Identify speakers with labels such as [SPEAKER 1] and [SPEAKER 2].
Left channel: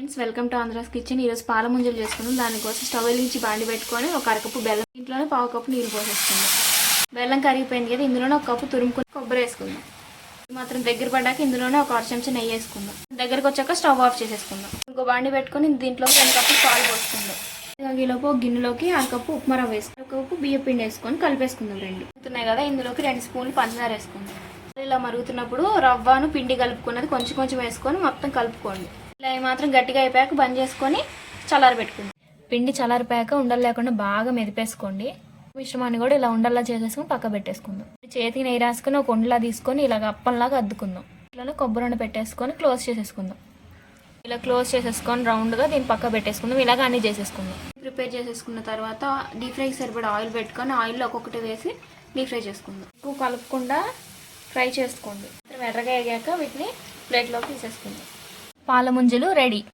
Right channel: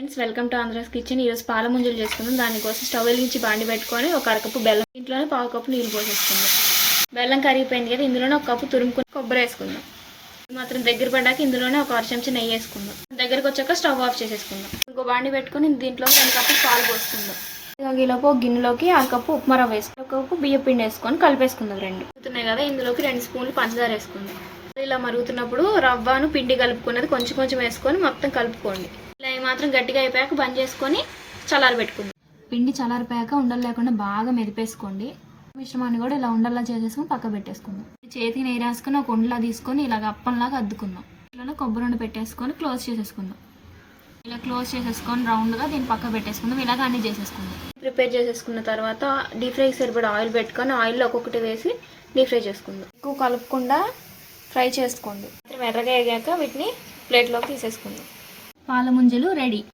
[SPEAKER 1] Friends welcome to Andhra's kitchen ఈరోజు పాల ముంజలు చేసుకుందాం. దానికోసం స్టవ్ వెలిగించి బాండి పెట్టుకొని ఒక అరకప్పు బెల్లం ఇంట్లోనే పావు కప్పు నీళ్ళు పోసేసుకుందాం. బెల్లం కరిగిపోయింది కదా ఇందులోనే ఒక కప్పు తురుముకుని కొబ్బరి వేసుకుందాం. మాత్రం దగ్గర పడ్డాక ఇందులోనే ఒక అర చెంచా నెయ్యి వేసుకుందాం. దగ్గరకు వచ్చాక స్టవ్ ఆఫ్ చేసేసుకుందాం. ఇంకో బాండి పెట్టుకొని దీంట్లో రెండు కప్పు పాలు పోసుకుందాం. ఈలోపు ఒక గిన్నెలోకి అరకప్పు ఉప్మా రవ్వ వేసుకుని ఒక కప్పు బియ్య పిండి వేసుకొని కలిపేసుకుందాం రెండు. అవుతున్నాయి కదా ఇందులోకి రెండు స్పూన్లు పంచదార వేసుకుందాం. ఇలా మరుగుతున్నప్పుడు రవ్వను పిండి కలుపుకున్నది కొంచెం కొంచెం వేసుకొని మొత్తం కలుపుకోండి. ఇలా మాత్రం గట్టిగా అయిపోయాక బంద్ చేసుకొని చల్లారి పెట్టుకుందాం. పిండి చల్లారిపోయాక ఉండలు లేకుండా బాగా మెదిపేసుకోండి. మిశ్రమాన్ని కూడా ఇలా ఉండల్లా చేసేసుకొని పక్క పెట్టేసుకుందాం. చేతికి నెయ్యి రాసుకొని ఒక ఉండలా తీసుకొని ఇలాగ అప్పంలాగా అద్దుకుందాం. ఇట్లా కొబ్బరి ఉండ పెట్టేసుకొని క్లోజ్ చేసేసుకుందాం. ఇలా క్లోజ్ చేసేసుకొని రౌండ్గా దీన్ని పక్క పెట్టేసుకుందాం. ఇలాగ అన్ని చేసేసుకుందాం. ప్రిపేర్ చేసేసుకున్న తర్వాత డీప్ ఫ్రైకి సరిపడా ఆయిల్ పెట్టుకొని ఆయిల్లో ఒక్కొక్కటి వేసి డీప్ ఫ్రై చేసుకుందాం. ఎక్కువ కలపకుండా ఫ్రై చేసుకోండి. ఎర్రగా ఎగాక వీటిని ప్లేట్లోకి తీసేసుకుందాం. పాల ముంజలు రెడీ.